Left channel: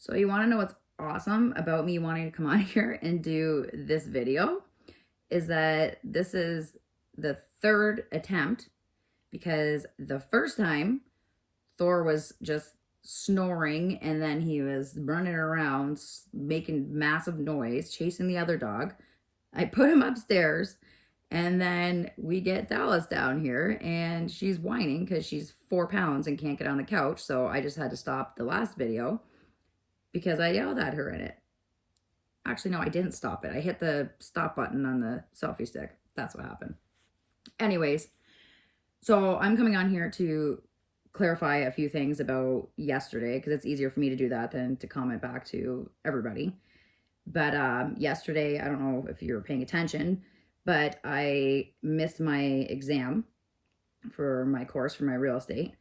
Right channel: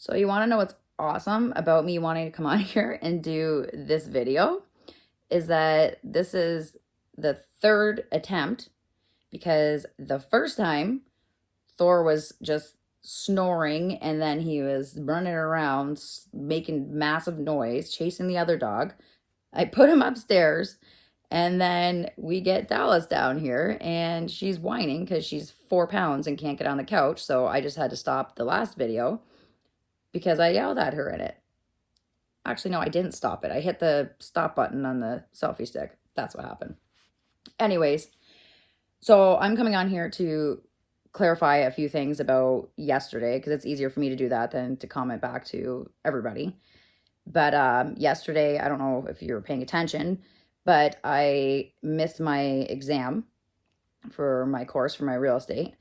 So you want to know what's awesome about me wanting to come on here and do this video is that this is the third attempt because the first time Thor was just snoring and then he was running around making massive noise, chasing the other dog. I put him upstairs and then we get Dallas down here and she's whining because she's 4 pounds and can't get on the couch. So I just had to stop the last video because I yelled at her in it. Actually, no, I didn't stop it. I hit the stop button on the selfie stick. That's what happened. Anyways, so I'm coming on here to clarify a few things about yesterday because it's easier for me to do that than to comment back to everybody. But yesterday, I don't know if you were paying attention, but I missed my exam for my course for my real estate.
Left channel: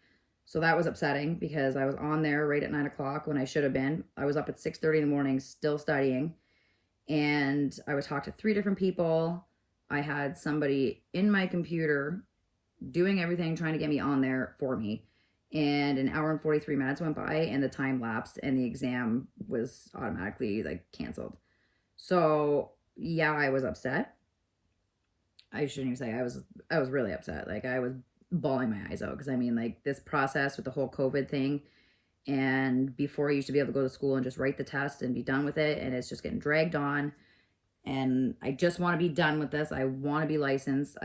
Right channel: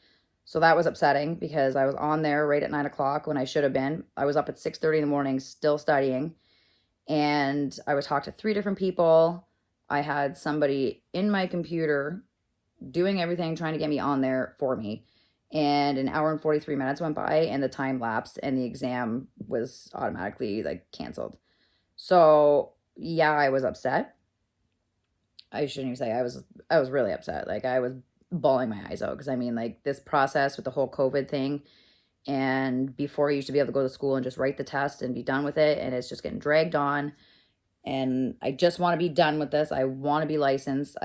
So that was upsetting because I was on there right at 9 o'clock when I should have been. I was up at 6:30 in the morning still studying. And I was talked to 3 different people. I had somebody in my computer doing everything, trying to get me on there for me. And an hour and 43 minutes went by and the time lapsed and the exam was automatically like canceled. So yeah, I was upset. I shouldn't even say I was really upset. Like I was bawling my eyes out because I mean like this process with the whole COVID thing, and before I used to be able to go to school and just write the test and be done with it, and it's just getting dragged on. And I just want to be done with this. I want to be licensed.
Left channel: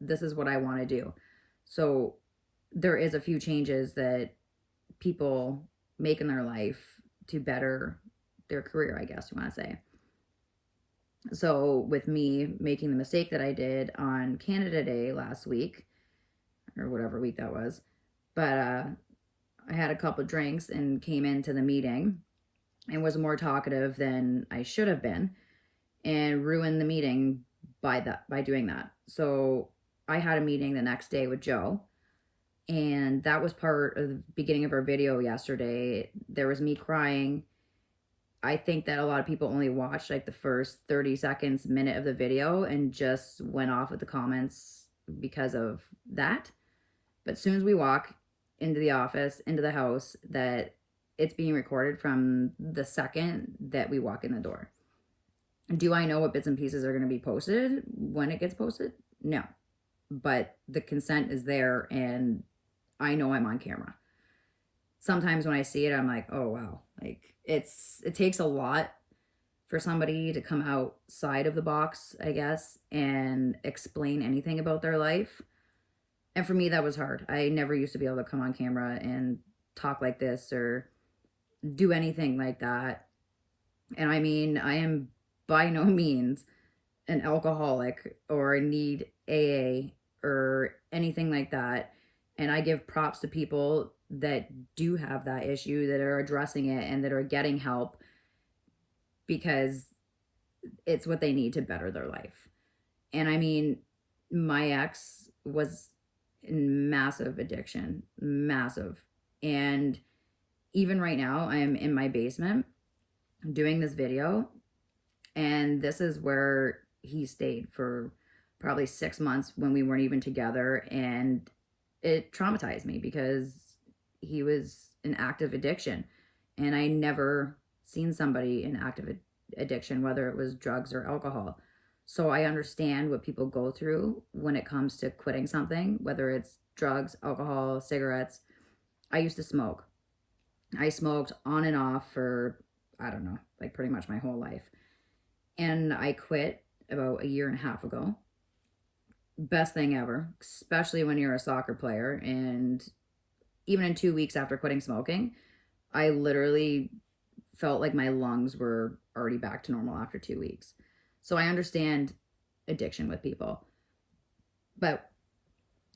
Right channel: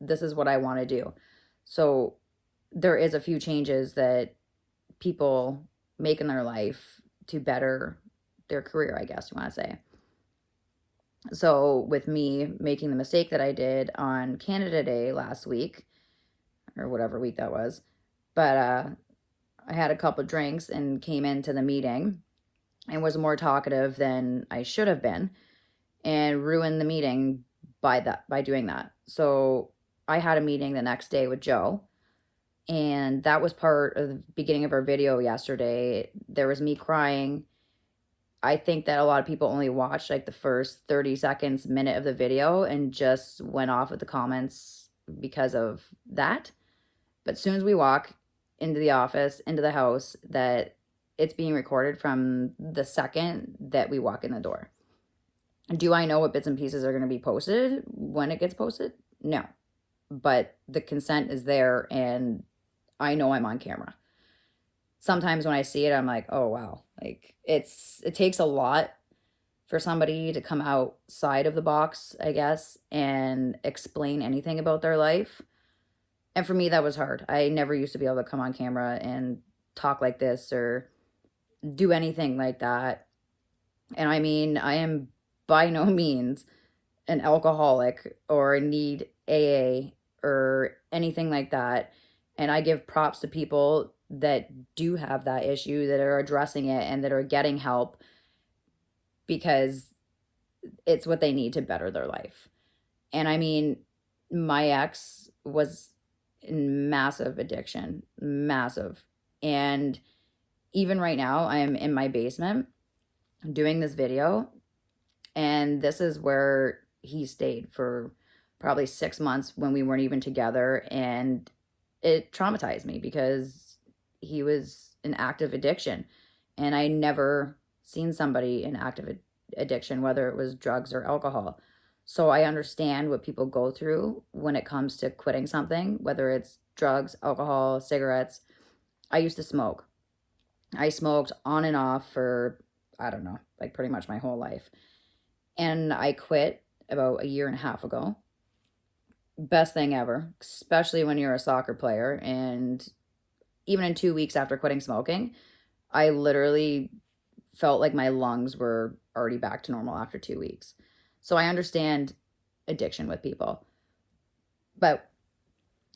This is what I want to do. So there is a few changes that people make in their life to better their career, I guess you want to say. So with me making the mistake that I did on Canada Day last week, or whatever week that was, but I had a couple drinks and came into the meeting and was more talkative than I should have been and ruined the meeting by doing that. So I had a meeting the next day with Joe, and that was part of the beginning of our video yesterday. There was me crying. I think that a lot of people only watched like the first 30 seconds, minute of the video and just went off with the comments because of that. But as soon as we walk into the office, into the house, that it's being recorded from the second that we walk in the door. Do I know what bits and pieces are going to be posted when it gets posted? No. But the consent is there and I know I'm on camera. Sometimes when I see it, I'm like, oh, wow. Like it takes a lot for somebody to come outside of the box, I guess, and explain anything about their life. And for me, that was hard. I never used to be able to come on camera and talk like this or do anything like that. And I mean, I am by no means an alcoholic or need AA or anything like that. And I give props to people that do have that issue, that are addressing it and that are getting help because it's what they need to better their life. And I mean, my ex was in massive addiction, massive. And even right now, I'm in my basement doing this video, and this is where he stayed for probably 6 months when we weren't even together. And it traumatized me because he was in active addiction. And I never seen somebody in active addiction, whether it was drugs or alcohol. So I understand what people go through when it comes to quitting something, whether it's drugs, alcohol, cigarettes. I used to smoke. I smoked on and off for, I don't know, like pretty much my whole life. And I quit about a year and a half ago. Best thing ever, especially when you're a soccer player. And even in 2 weeks after quitting smoking, I literally felt like my lungs were already back to normal after 2 weeks. So I understand addiction with people, but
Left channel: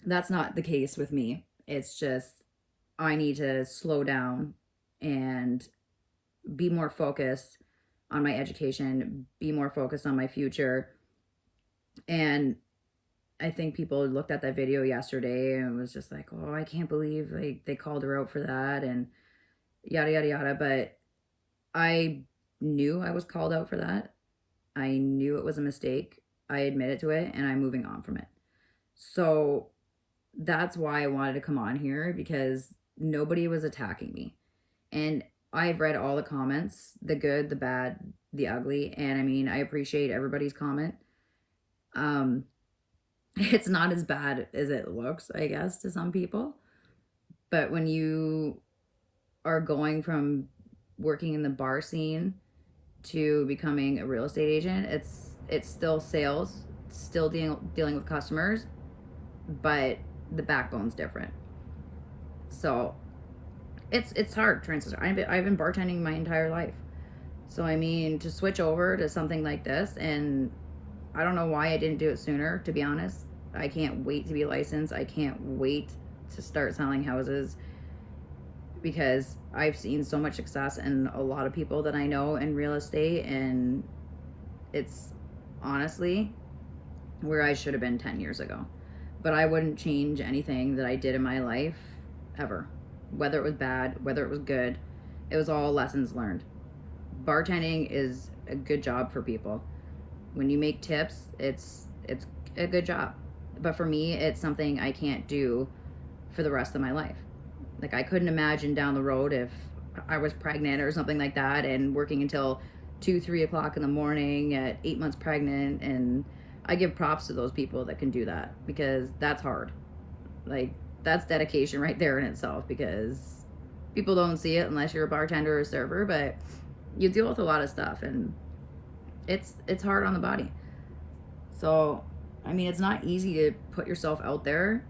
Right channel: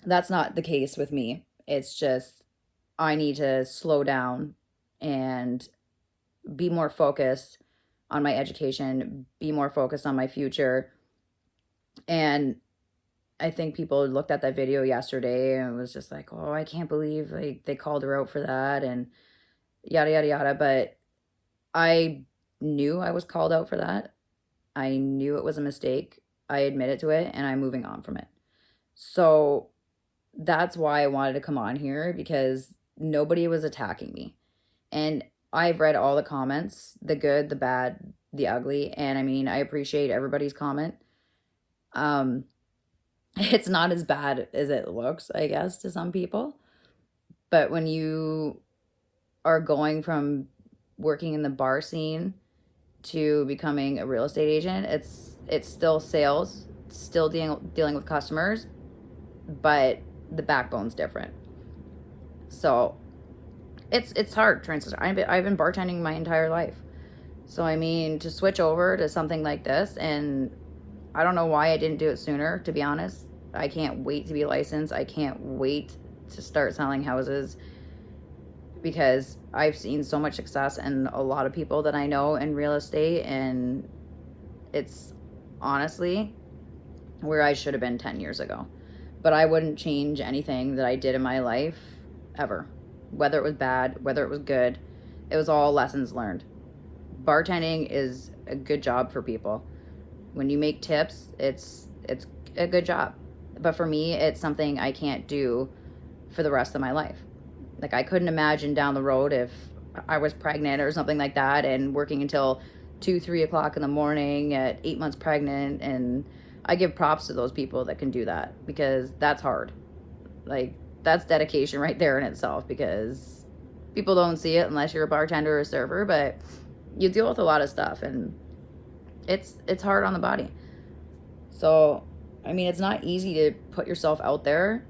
that's not the case with me. It's just I need to slow down and be more focused on my education, be more focused on my future. And I think people looked at that video yesterday and was just like, oh, I can't believe like they called her out for that and yada, yada, yada. But I knew I was called out for that. I knew it was a mistake. I admitted to it and I'm moving on from it. So that's why I wanted to come on here, because nobody was attacking me. And I've read all the comments, the good, the bad, the ugly, and I mean, I appreciate everybody's comment. Um, it's not as bad as it looks, I guess, to some people. But when you are going from working in the bar scene to becoming a real estate agent, it's still sales, still dealing with customers, but the backbone's different. So it's hard transition. I've been bartending my entire life. So I mean, to switch over to something like this, and I don't know why I didn't do it sooner, to be honest. I can't wait to be licensed. I can't wait to start selling houses, because I've seen so much success in a lot of people that I know in real estate, and it's honestly where I should have been 10 years ago. But I wouldn't change anything that I did in my life ever. Whether it was bad, whether it was good, it was all lessons learned. Bartending is a good job for people. When you make tips, it's a good job. But for me, it's something I can't do for the rest of my life. Like, I couldn't imagine down the road if I was pregnant or something like that and working until 2-3 o'clock in the morning at 8 months pregnant. And I give props to those people that can do that, because that's hard. Like, that's dedication right there in itself, because people don't see it unless you're a bartender or a server, but you deal with a lot of stuff, and it's hard on the body. So, I mean, it's not easy to put yourself out there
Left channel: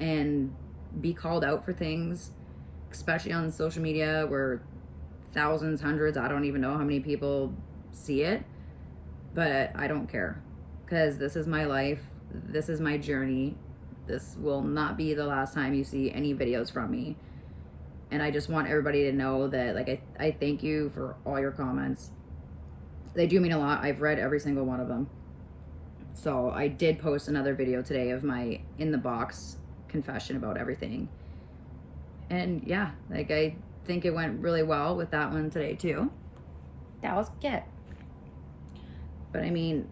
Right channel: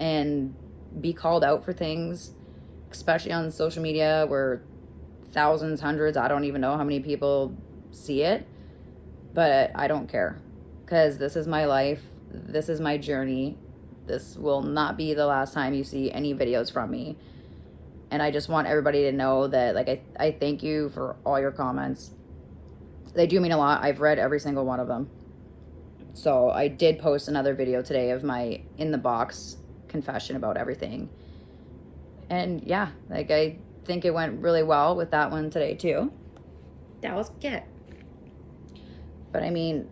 and be called out for things, especially on social media where thousands, hundreds, I don't even know how many people see it, but I don't care, because this is my life. This is my journey. This will not be the last time you see any videos from me. And I just want everybody to know that, like, I thank you for all your comments. They do mean a lot. I've read every single one of them. So I did post another video today of my in the box confession about everything. And yeah, like, I think it went really well with that one today too. That was good. But I mean,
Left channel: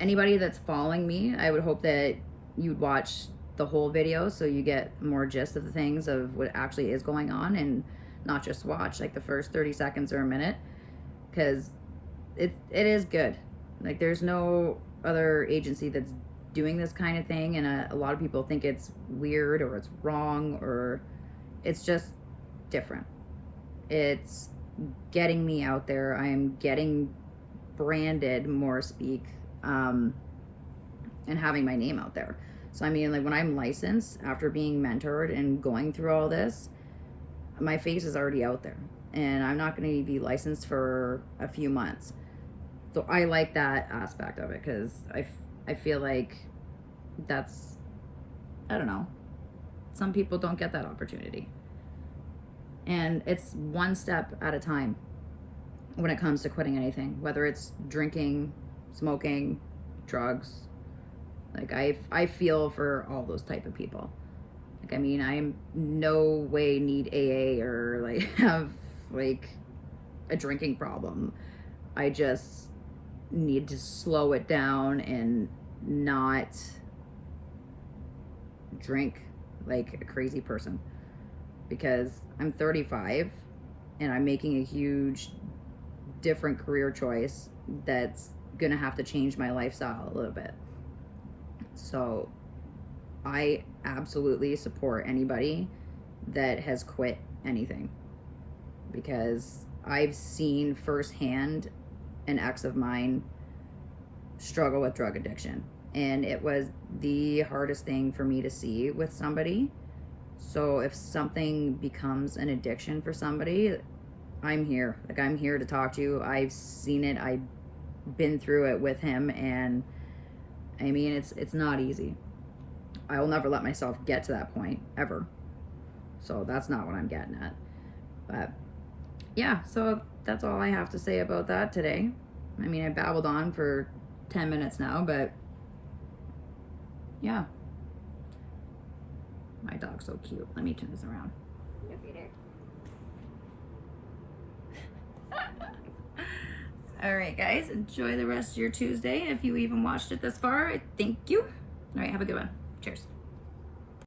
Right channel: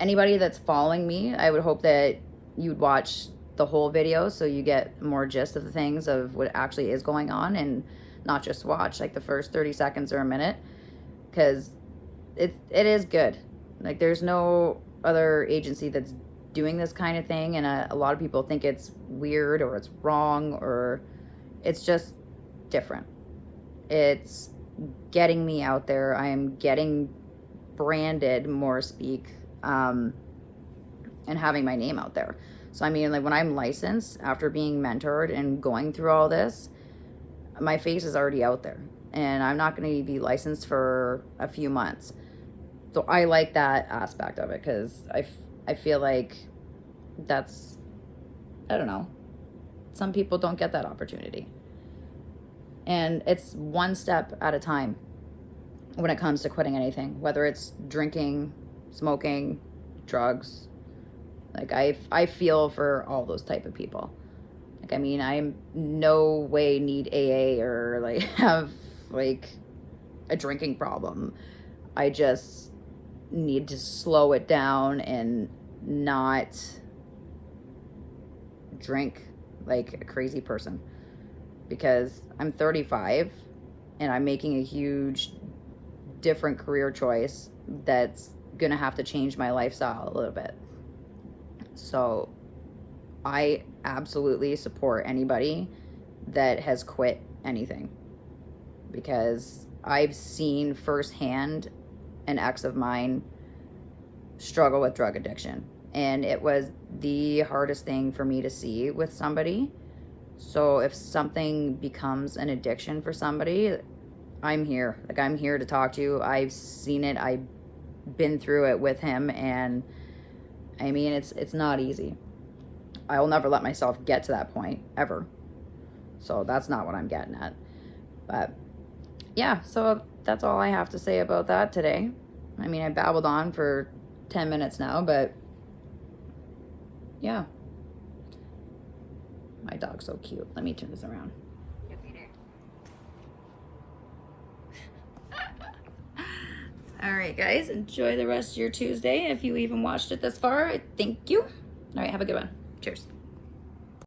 anybody that's following me, I would hope that you'd watch the whole video so you get more gist of the things of what actually is going on, and not just watch like the first 30 seconds or a minute, because it is good. Like, there's no other agency that's doing this kind of thing, and a lot of people think it's weird or it's wrong, or it's just different. It's getting me out there. I am getting branded, more speak, and having my name out there. So I mean, like, when I'm licensed, after being mentored and going through all this, my face is already out there, and I'm not going to be licensed for a few months. So I like that aspect of it, because I feel like that's, I don't know, some people don't get that opportunity. And it's one step at a time when it comes to quitting anything, whether it's drinking, smoking, drugs. Like, I feel for all those type of people. Like, I mean, I no way need AA or like have like a drinking problem. I just need to slow it down and not drink like a crazy person, because I'm 35 and I'm making a huge different career choice that's gonna have to change my lifestyle a little bit. So I absolutely support anybody that has quit anything, because I've seen firsthand an ex of mine struggle with drug addiction, and it was the hardest thing for me to see with somebody. So if something becomes an addiction for somebody, I'm here. Like, I'm here to talk to you. I've seen it. I've been through it with him, and I mean, it's not easy. I will never let myself get to that point, ever. So that's not what I'm getting at. But yeah, so that's all I have to say about that today. I mean, I babbled on for 10 minutes now, but yeah. My dog's so cute. Let me turn this around. Go Peter. All right, guys, enjoy the rest of your Tuesday. If you even watched it this far, thank you. All right, have a good one. Cheers.